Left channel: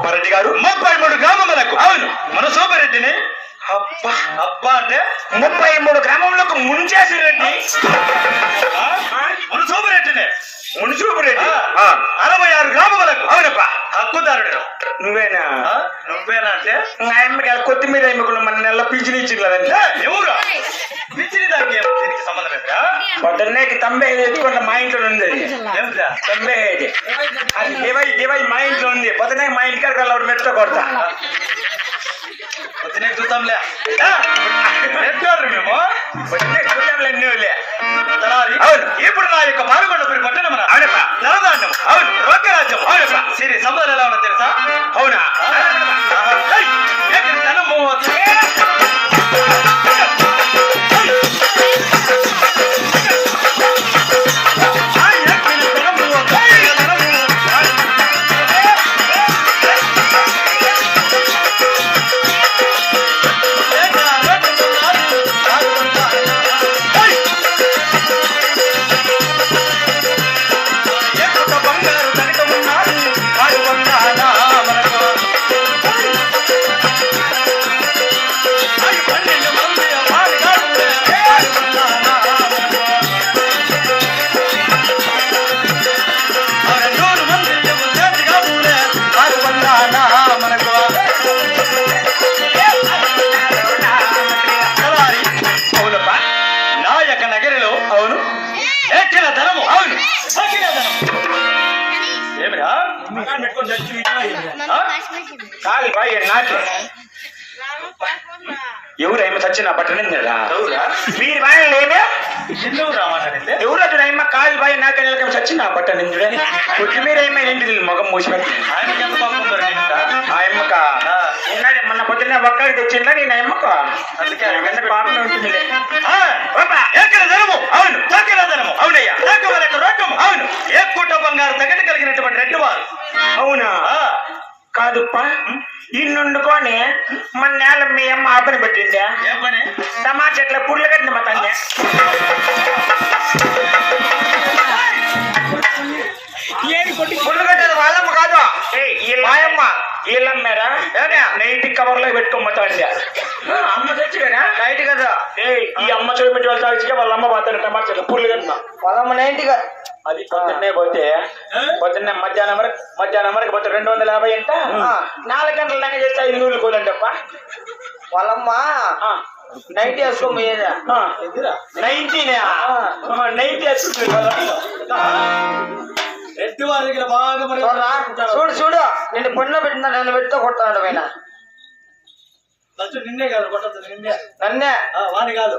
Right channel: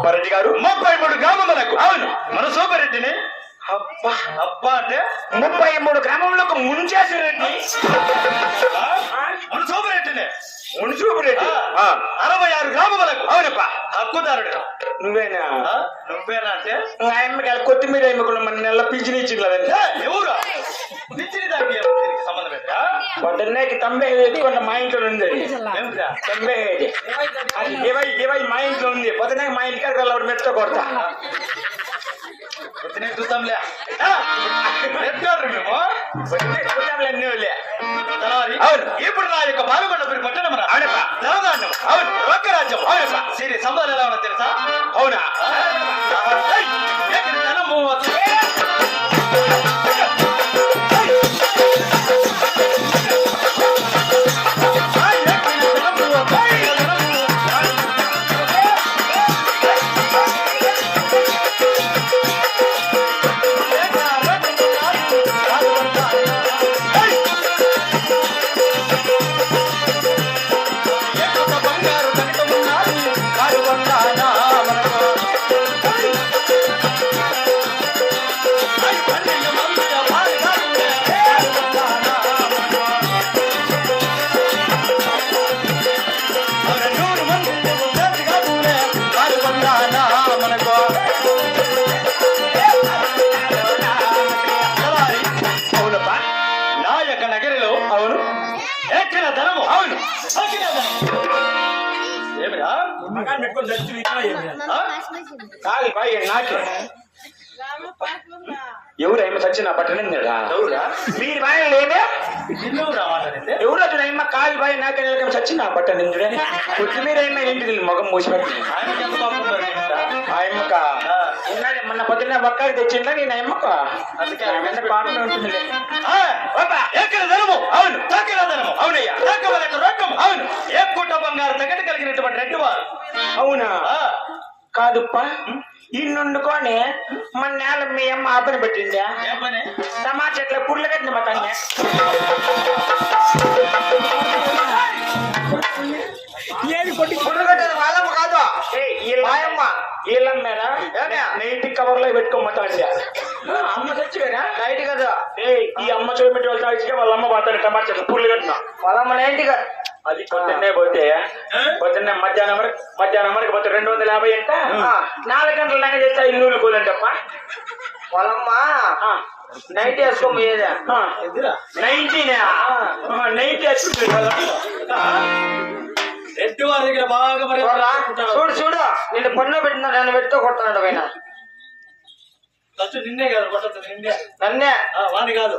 అప్పారెడ్డి గారు 33 గ్రామములకు. అవును, మన సూపరెడ్డిని. అబ్బా అబ్బా అంటే 33 గ్రామంలోకి ముంచేసిరెడ్డి. మన సూపరెడ్డిని. మున్సూపరెడ్డి 66 గ్రామములకు. అవునప్పా, హక్కుదారుడు నువ్వేనా? నువ్వేనా అంటే ఆయమ్మకి కొత్తిమీర ఎమ్ముకున్న మన నెల పింఛన్ ఇచ్చిందంటే ఎవరు పింఛని దానికి సంబంధం లేదా? పొద్దున్నేకి తంబే ఎత్తుకున్న మా ఇంట్లో ఉంది. తంబే అది దివై మా ఇంట్లో ఉంది. పొద్దునే మా ఇంటికి అలా మెట్ట కొడతా. పొద్దునే చూద్దాంలే మేము పొద్దునే చూద్దాంలే అన్నీ. అవును, ఇప్పుడు నా యొక్క పాల్గొండ పట్టణం ధనధాన్యం. అవును, రోగరాజ్యం. అవునప్ప, సిరి సంబంధాలు ఎలా ఉన్నా తెలుసా? అవునా? ధనము ఎవరు అమ్మ చచ్చిన పట్టణిందా? మీరు బాగా ఎవరు అటు అమ్మ కాలు బాయి నాక చచ్చిన పట్టణిందుడే కొత్తిమీర అమ్మ ఏంటి మొగం మూసిపెట్టి ఆ అమ్మక ఉన్నది మొన్న పొద్దున్న ఒక్కడికి తెచ్చిందా నేను అమ్మకు అందుకే పాపం ఉంటుంది. అవును, అవునయ్యా. అవును, ఏ కుట్ట బంగారు తగ్గట్టు కలిగినటువంటి రెడ్డి వారు. అవునా? కాదుప్ప, ఇన్నుండుకొని మన నేల మీ అమ్మ ఆపని పెట్టిందా? టమాటా చెట్ల పుర్లు కట్టిన మా తల్లి. పుర్లు కట్టేది వాళ్ళమ్మ కాదు, మాయమ్మ. వీళ్ళమ్మారా నైట్ కవర్ లో పెట్టుకోమంటా. అమ్మ చచ్చిపోయినా నైట్ కదా. ఈ అమ్మ చూడు పెట్టి వాళ్ళు తాగిగా వాళ్ళ అమ్మ పోతాడు టమాటా చెట్ల పుర్లు కట్టిన వాళ్ళమ్మ నైట్గా. అది పొద్దున్నే పోతే పొద్దున్నే మధ్యాహ్నం వరకు పోతే 250 అంట. 4 గంటల దాకా చేస్తే ఇల్లు కోదంటప్ప. వాళ్ళమ్మ నైట్ వేసుకోమయ్యేదా? నైట్ రెడ్డి వారి దగ్గర బాగా మరి చూడు నిన్ను పన్ను పెట్టినా నన్ను పెట్టుతో కొట్టాడు పైన. నిన్నే కాదు కొట్టదు, నిన్నే నన్నే వాణి కాదు.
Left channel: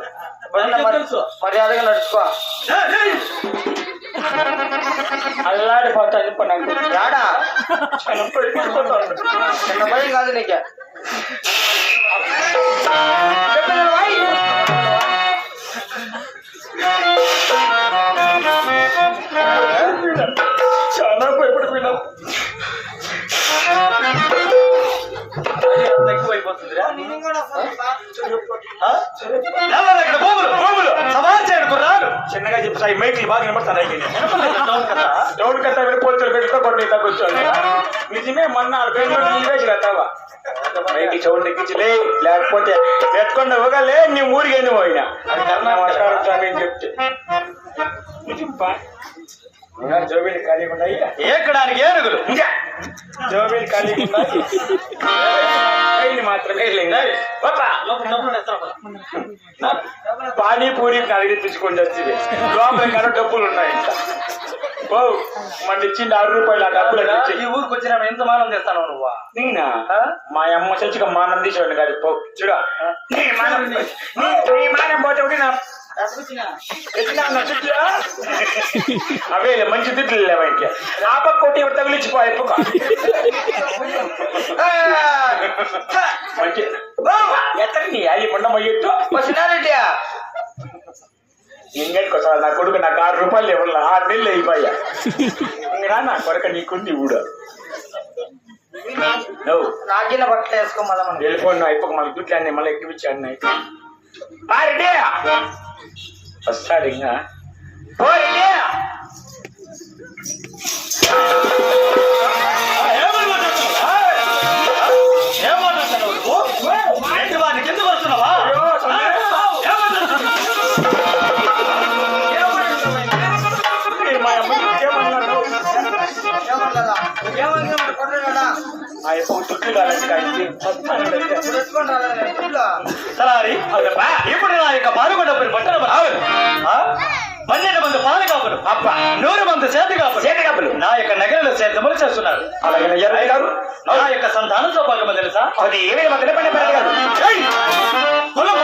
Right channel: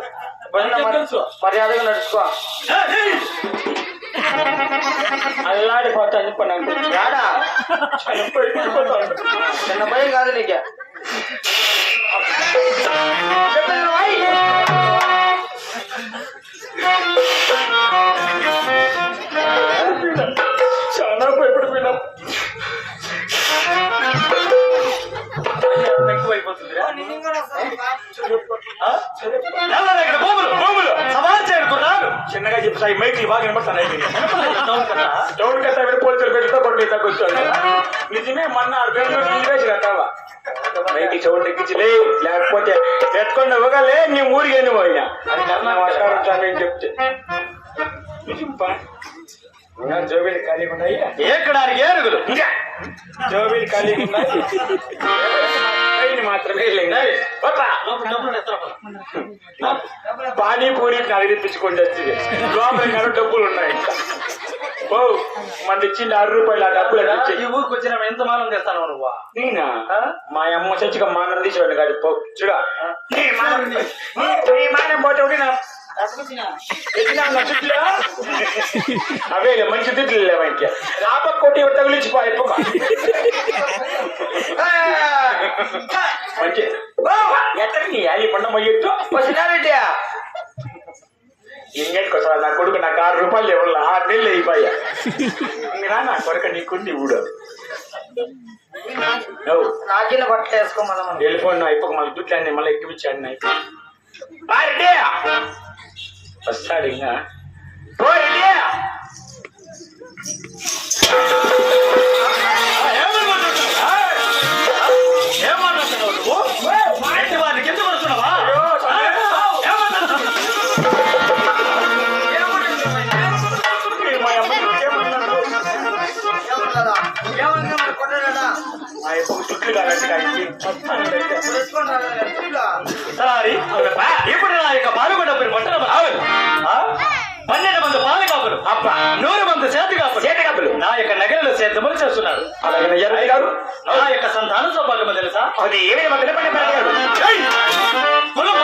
మర్యాదగా నడుచుకో. అల్లాడిపోతాను నాకు ఏడా చిన్న భయం కాదు నీకు. చాలా భయపడిపోయినా ఎక్కువైపోతుందిరా. చిన్నగా చెప్తాయి మైకులు బాగా వినపడతాయి. టౌన్ కట్టా పోలీసులు పెట్టుతో పడి తగ్గొచ్చు. నిజమే మొన్న బెంగళూరు కట్టావా మైకి చౌడు ఎక్కించలే లేకపోతే ఎత్తుకుండా ఇవ్వగలే నీ ఊరికి పోయినా అది మాట్లాడుతామని చెప్తే నిజంపా. జోబీలు ఖాళీ ఉన్నాయి ఎక్కడానికి ఏనుగులు ఇంకా జోబీలు ఖాళీ ఉన్నాయి మాత్రమే లేదు. పానీపూరి అడిగిపించుకొని వచ్చింది లోపల కానీ డబ్బులు ఉన్నాయి. ఓ మన ఇచ్చింది 6 రూపాయలు. ఆ డబ్బులు ఈ ఊరికి వచ్చినా ఎంత మానం చేస్తాను నువ్వు? నేనా? మా అమ్మ చచ్చిగా మానం తీసేవాడిని కాదు. పో చూడ మానం పోతే నా అవే మంచి తిట్లు లేవా ఇంకా ఆ పక్క కొట్టి తగిలిచ్చిపోయి మంచి ఎత్తని అది పండమయ్యట్టు వచ్చినారెడ్డి ఇంకెట్టుకోసారి నా కొడుకు నాకు 6 రూపాయలు ఇవ్వాలి. 6 నెలలు అయిపోయా. ఇంకరా నా కొడుకు నీకుంది ఊడు నాకిన బట్టలు వేసుకోమదా వెళ్ళిపోయినా అయిపోక మళ్ళీ దుడ్లు అన్నీ మళ్ళీ ఎక్కిపించాడు. వస్తాడు ఇంకా ఆ యొక్క చుట్టూ కాదండి సారీ ఇప్పుడు నా యొక్క పాల్గొండ పట్టణ 12 మంది పాలు కాపులు 100 మంది చేతి కాపులు నా యొక్క నగరంలో సేద్యములు చేస్తున్నారు. అలాగే గారు నా యొక్క సంతానంతో పాటు తెలుసా అది ఏమైనా కులం